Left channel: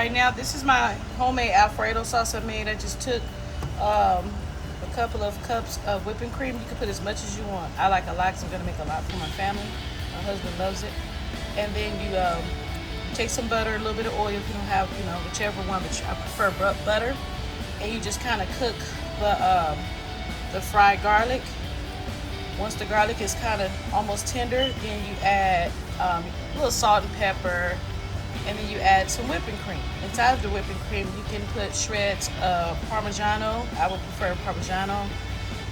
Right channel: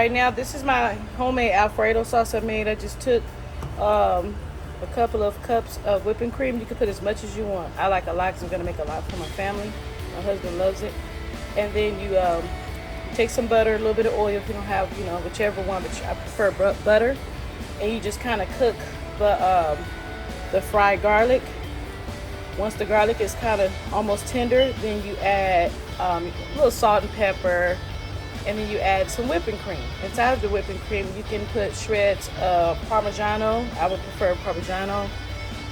right now, this is my homemade Alfredo sauce I made. I just took a couple of cups of whipping cream. You can put as much as you want. I like a lot because I'm going to make a lot for my family. My husband loves it. And then you take some butter, a little bit of oil if you don't have, whichever one, but I prefer butter. And you just kind of cook the fried garlic. Once the garlic is kind of almost tender, then you add a little salt and pepper, and then you add some whipping cream. Inside of the whipping cream, you can put shreds of Parmigiano. I would prefer Parmigiano.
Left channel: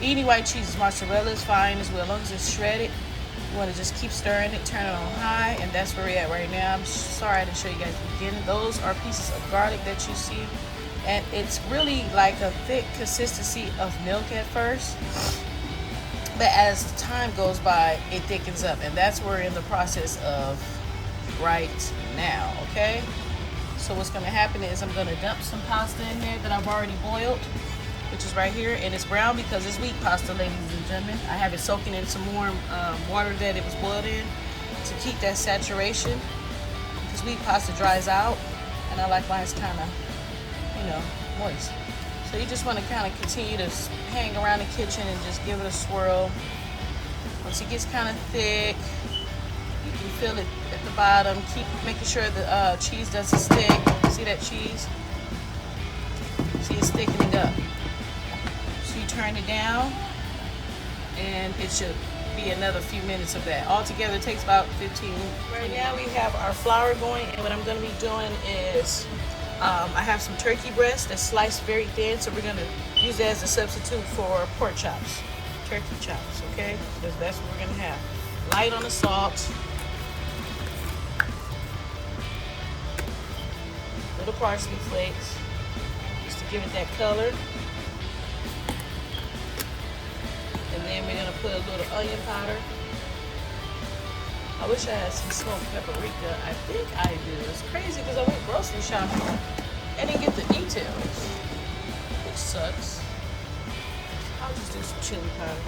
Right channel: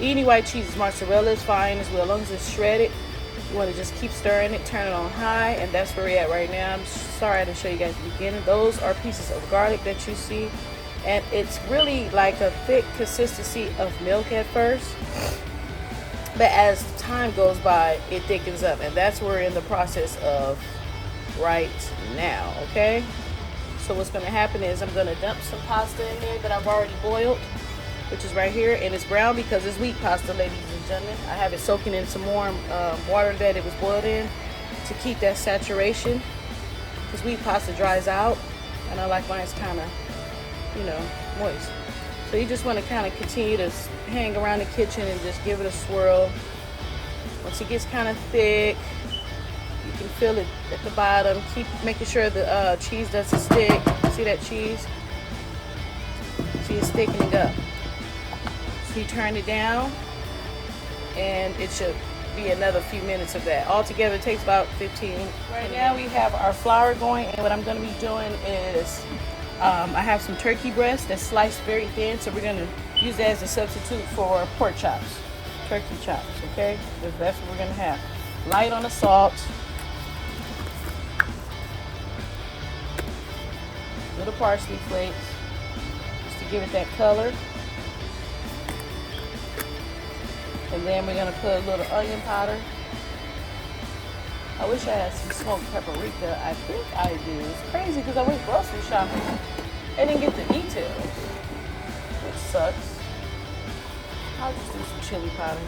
Any white cheese, mozzarella is fine as well, as long as it's shredded. You want to just keep stirring it, turn it on high, and that's where we're at right now. I'm sorry I didn't show you guys the beginning. Those are pieces of garlic that you see, and it's really like a thick consistency of milk at first. But as time goes by, it thickens up, and that's what we're in the process of right now, okay? So what's going to happen is I'm going to dump some pasta in there that I've already boiled, which is right here, and it's brown because it's wheat pasta, ladies and gentlemen. I have it soaking in some warm water that it was boiled in to keep that saturation, because wheat pasta dries out, and I like mine kind of, moist. So you just want to kind of continue to hang around the kitchen and just give it a swirl. Once it gets kind of thick, you can feel it at the bottom. Keep making sure the cheese doesn't stick. See that cheese? See, it's thickening up. So you turn it down, and it should be another few minutes of that. Altogether, it takes about 15. Right now we have our flour going, and what I'm going to be doing is I have some turkey breast that's sliced very thin, so we're going to use that as a substitute for pork chops, turkey chops, okay? Because that's what we're going to have. Light on the salt, little parsley flakes, just to give it that color. And then we're going to put a little onion powder. I wish I had some smoked paprika. I think I do. It's crazy because I went grocery shopping and didn't get the details, which sucks. I'll just do some chili powder.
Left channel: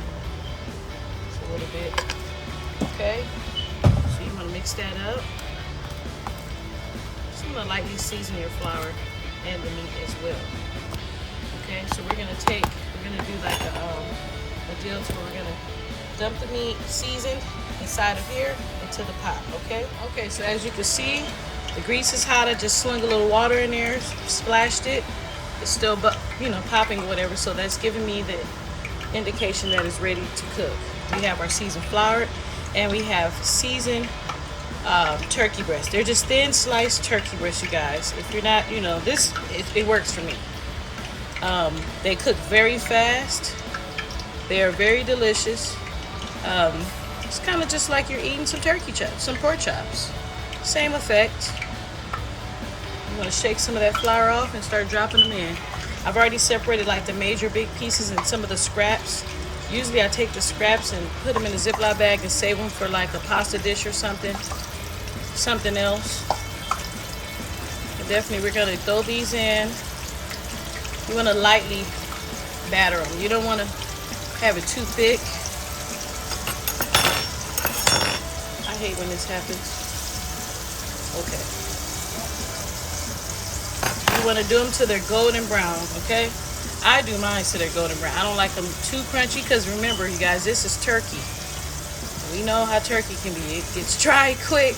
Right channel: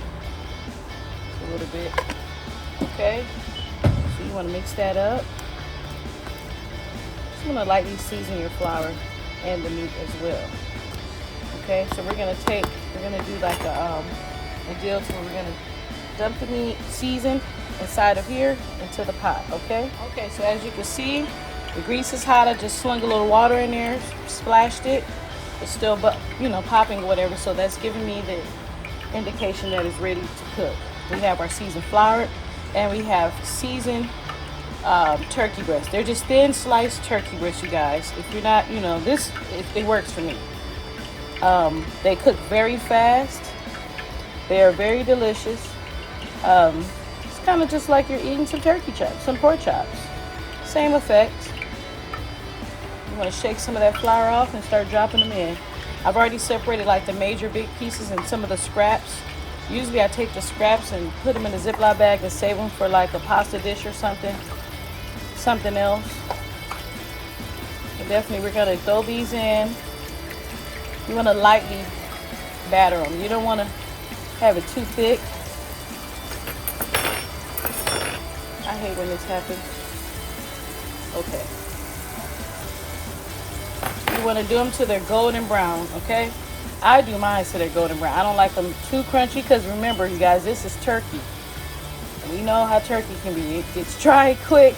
Just a little bit. Okay. So you want to mix that up. Just want to lightly season your flour and the meat as well. Okay. So we're gonna do like a deal. So we're gonna dump the meat seasoned inside of here into the pot, okay? Okay, so as you can see, the grease is hot. I just slung a little water in there, splashed it. It's still, popping or whatever, so that's giving me the indication that it's ready to cook. We have our seasoned flour, and we have seasoned turkey breast. They're just thin sliced turkey breasts, you guys. If you're not, it works for me. They cook very fast. They are very delicious. It's kind of just like you're eating some turkey chops, some pork chops. Same effect. You want to shake some of that flour off and start dropping them in. I've already separated like the major big pieces and some of the scraps. Usually I take the scraps and put them in a Ziploc bag and save them for like a pasta dish or something else. But definitely we're going to throw these in. You want to lightly batter them. You don't want to have it too thick. I hate when this happens. Okay. You want to do them till they're golden brown, okay? I do mine till they're golden brown. I don't like them too crunchy because remember, you guys, this is turkey. We know how turkey can be. It gets dry quick.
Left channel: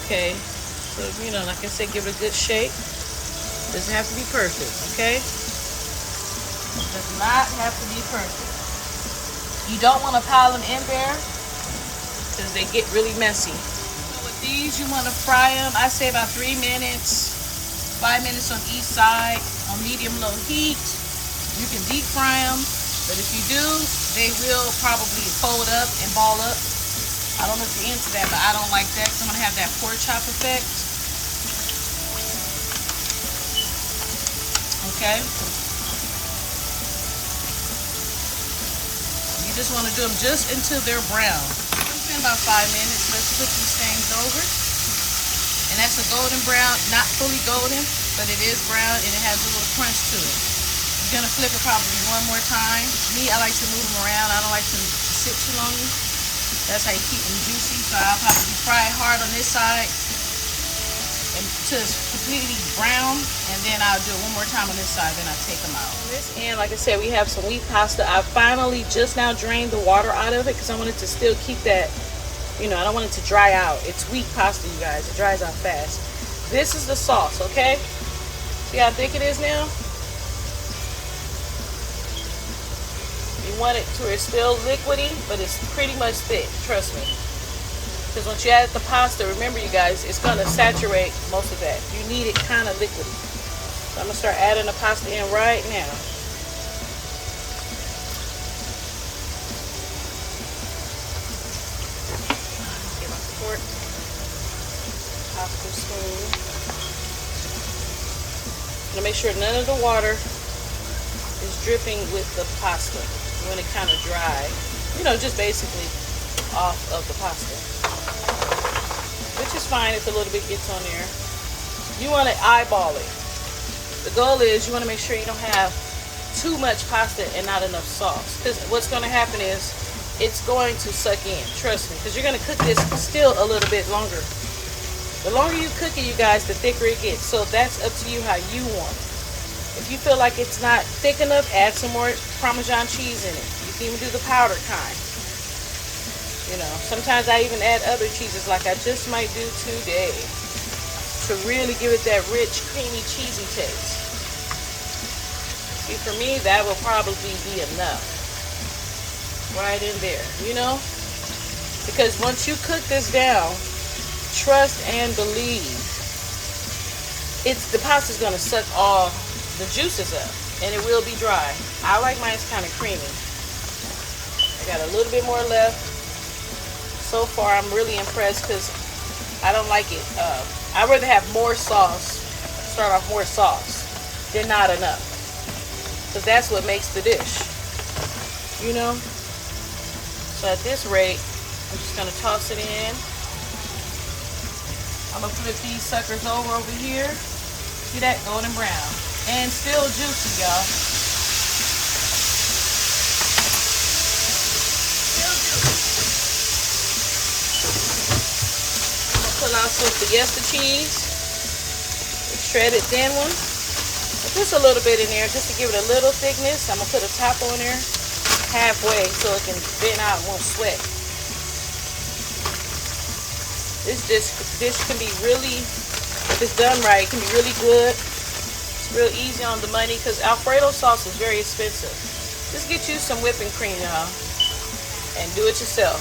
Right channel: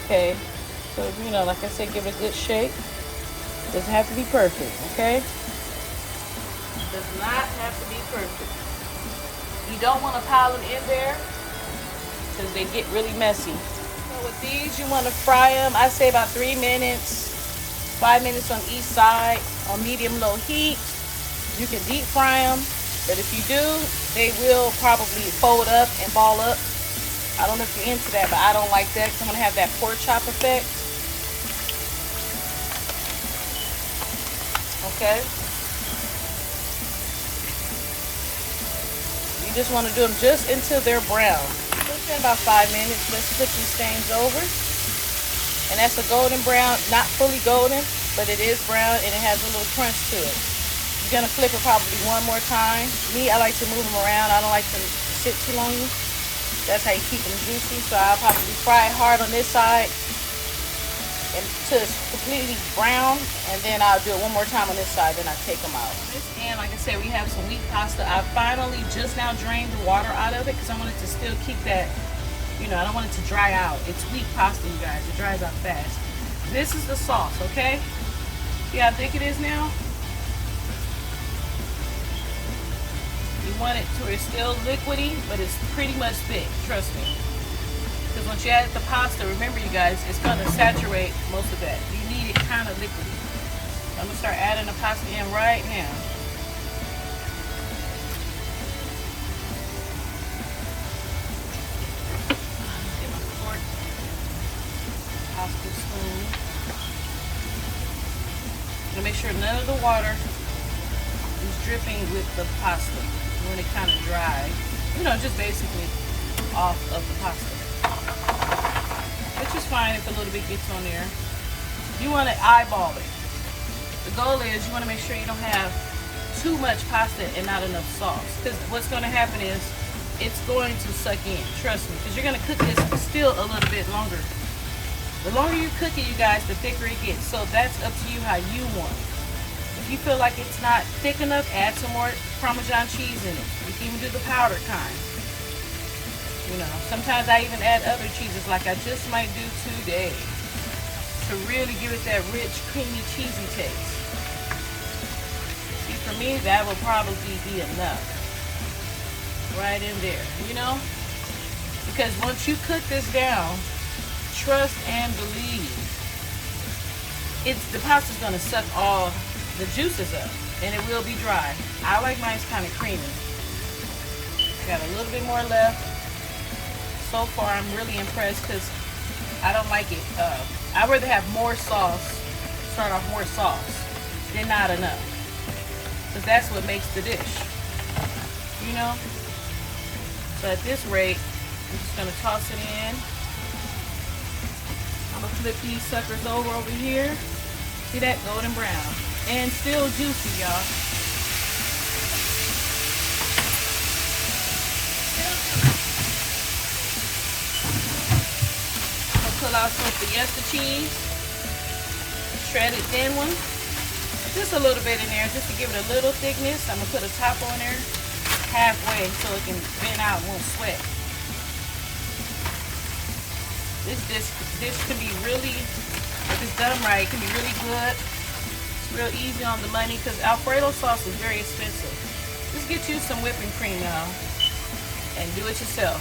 Okay. So, like I said, give it a good shake. Doesn't have to be perfect, okay? Does not have to be perfect. You don't want to pile them in there because they get really messy. So with these, you want to fry them. I say about 3 minutes, 5 minutes on each side on medium-low heat. You can deep fry them, but if you do, they will probably fold up and ball up. I don't know if you're into that, but I don't like that because I'm going to have that pork chop effect. Okay. You just want to do them just until they're brown. It's been about 5 minutes. Let's flip these things over. And that's a golden brown, not fully golden, but it is brown and it has a little crunch to it. You're going to flip it probably one more time. Me, I like to move them around. I don't like them to sit too long. That's how you keep them juicy. So I'll probably fry it hard on this side until it's completely brown, and then I'll do it one more time on this side, then I'll take them out. This end, like I said, we have some wheat pasta. I finally just now drained the water out of it because I wanted to still keep that, you know, I don't want it to dry out. It's wheat pasta, you guys. It dries out fast. This is the sauce, okay? See how thick it is now? You want it to where it's still liquidy, but it's pretty much thick, trust me. Because once you add the pasta, remember you guys, it's going to saturate most of that. You need it kind of liquidy. So I'm going to start adding the pasta in right now. Get my fork. Pasta spoon. And make sure none of the water is dripping with the pasta. You want it kind of dry. You know, just basically off of the pasta. Which is fine if a little bit gets on there. You want to eyeball it. The goal is you want to make sure you don't have too much pasta and not enough sauce. Because what's going to happen is it's going to suck in. Trust me. Because you're going to cook this still a little bit longer. The longer you cook it, you guys, the thicker it gets. So that's up to you how you want it. If you feel like it's not thick enough, add some more Parmesan cheese in it. You can even do the powdered kind. Sometimes I even add other cheeses like I just might do today to really give it that rich, creamy, cheesy taste. See, for me, that will probably be enough. Right in there, you know? Because once you cook this down, trust and believe, the pasta's going to suck all the juices up and it will be dry. I like mine kind of creamy. I got a little bit more left. So far, I'm really impressed because I don't like it. I'd rather have more sauce, start off more sauce, than not enough. Because that's what makes the dish, you know? So at this rate, I'm just going to toss it in. I'm going to flip these suckers over here. See that? Golden brown. And still juicy, y'all. Pull out some Fiesta cheese, shredded thin one, just a little bit in there just to give it a little thickness. I'm gonna put a top on there halfway so it can vent out and won't sweat. This dish can be really, if it's done right, it can be really good. It's real easy on the money because Alfredo sauce is very expensive. Just get you some whipping cream, y'all, and do it yourself.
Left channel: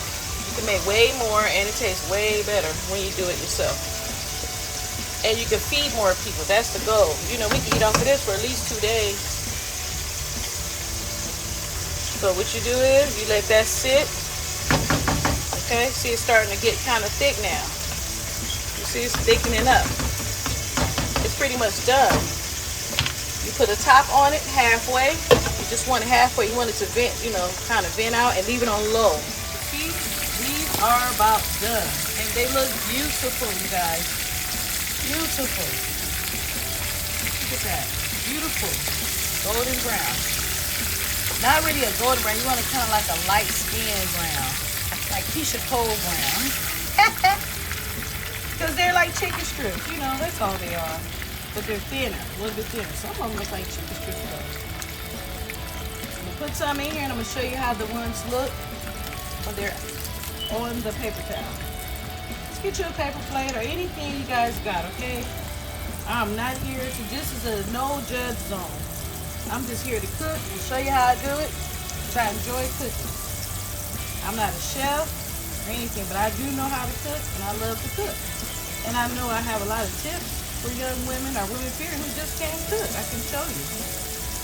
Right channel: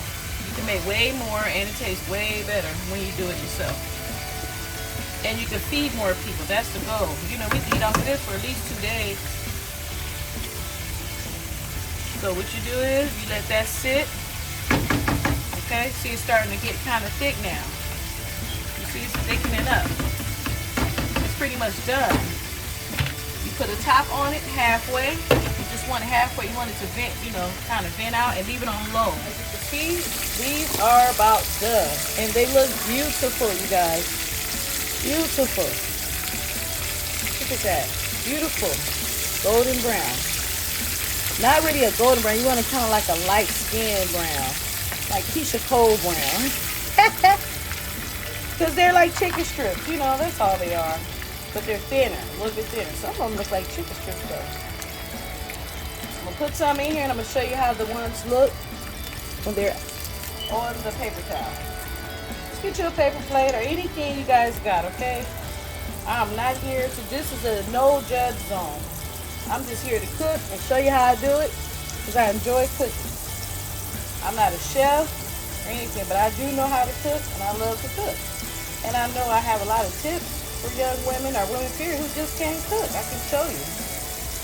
You can make way more and it tastes way better when you do it yourself. And you can feed more people. That's the goal. You know, we can eat off of this for at least 2 days. So what you do is you let that sit. Okay, see it's starting to get kind of thick now. You see it's thickening up. It's pretty much done. You put a top on it halfway. You just want it halfway. You want it to vent, you know, kind of vent out and leave it on low. See, these are about done. And they look beautiful, you guys. Beautiful. Look at that. Beautiful. Golden brown. Not really a golden brown. You want it kind of like a light skin brown. Like Keisha Cole brown. Because they're like chicken strips. You know, that's all they are. But they're thinner. A little bit thinner. Some of them look like chicken strips though. I'm going to put some in here and I'm going to show you how the ones look when they're on the paper towel. Just get you a paper plate or anything you guys got, okay? I'm not here to, this is a no judge zone. I'm just here to cook and show you how I do it because I enjoy cooking. I'm not a chef or anything, but I do know how to cook and I love to cook. And I know I have a lot of tips for young women or women period who just can't cook. I can show you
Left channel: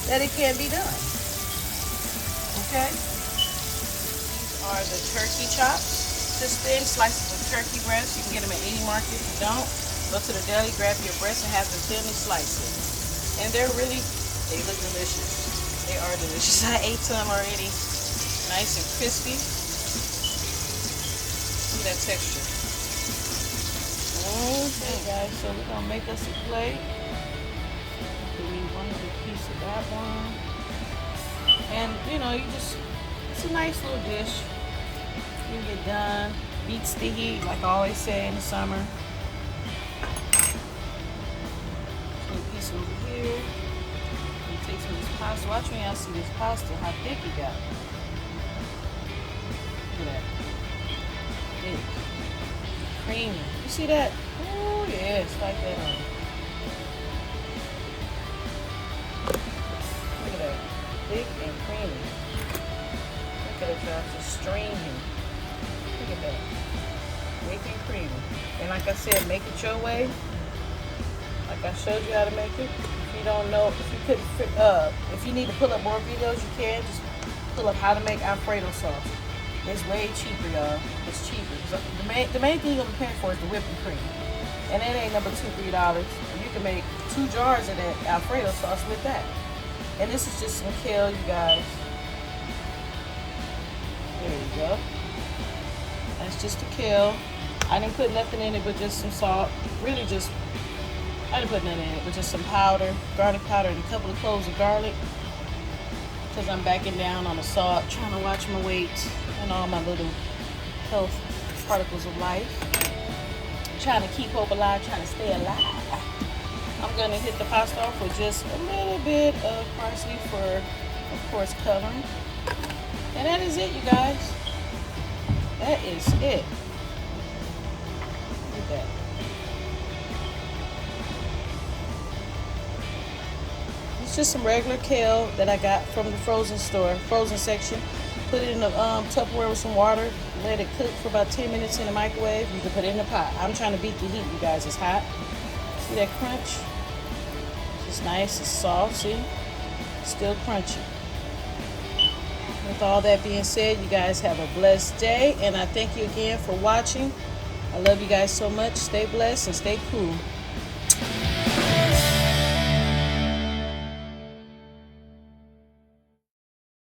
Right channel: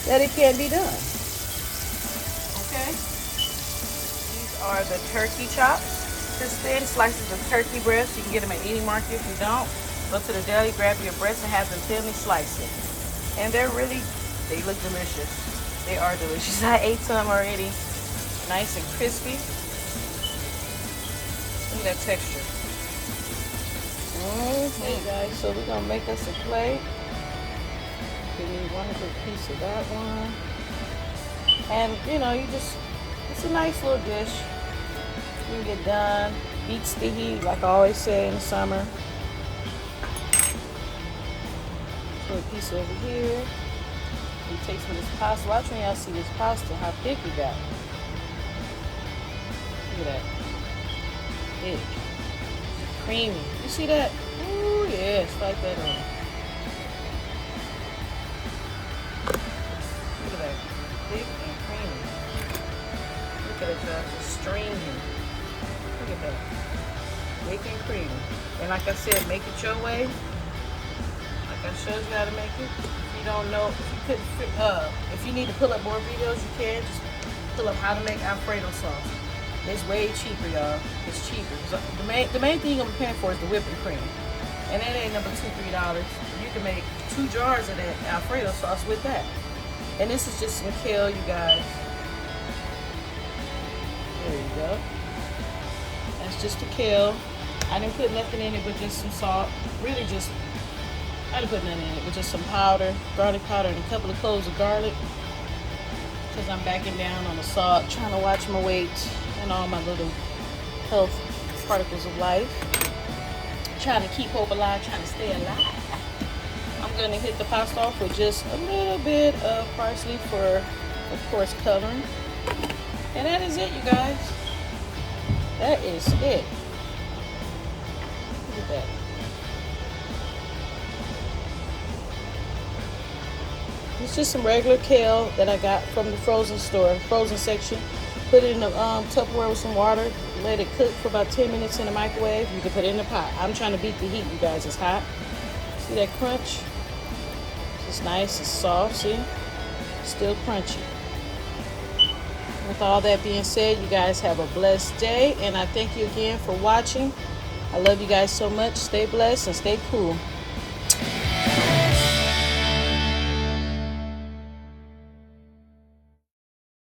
that it can be done. Okay? Are the turkey chops, just thin slices of turkey breast. You can get them at any market. If you don't, go to the deli, grab your breast and have them thinly sliced. And they look delicious. They are delicious. I ate some already. Nice and crispy. Look at that texture. Okay guys, so we're gonna make us a plate. We need one good piece of that one. And you know, it's a nice little dish. You get done, beats the heat, like I always say in the summer. rice over here. He takes me this pasta. Watch when y'all see this pasta, how thick it got. Look at that. Thick. Creamy. You see that? Oh yeah, it's like that on. Look at that. Thick and creamy. Look at it, y'all. Just streaming. Look at that. Thick and creamy. And like I said, make it your way. Like I showed you how to make it. If you don't know, if you need to pull up more videos, you can. Just pull up how to make Alfredo sauce. It's way cheaper, y'all. It's cheaper. So the main thing you're gonna be paying for is the whipping cream. And that ain't number $2-3. You can make 2 jars of that Alfredo sauce with that. And this is just some kale, you guys. There you go. That's just the kale. I didn't put nothing in it but just some salt. Really just, I didn't put nothing in it but just some powder, garlic powder, and a couple of cloves of garlic. Because I'm backing down on the salt, trying to watch my weight and all my little health particles of life. Trying to keep hope alive, trying to stay alive. I'm going to hit the pasta off with just a little bit of parsley for, of course, coloring. And that is it, you guys. That is it. Look at that. It's just some regular kale that I got from the frozen section. Put it in a Tupperware with some water. Let it cook for about 10 minutes in the microwave. You can put it in the pot. I'm trying to beat the heat, you guys. It's hot. See that crunch? It's nice, it's soft, see? Still crunchy. With all that being said, you guys have a blessed day. And I thank you again for watching. I love you guys so much. Stay blessed and stay cool.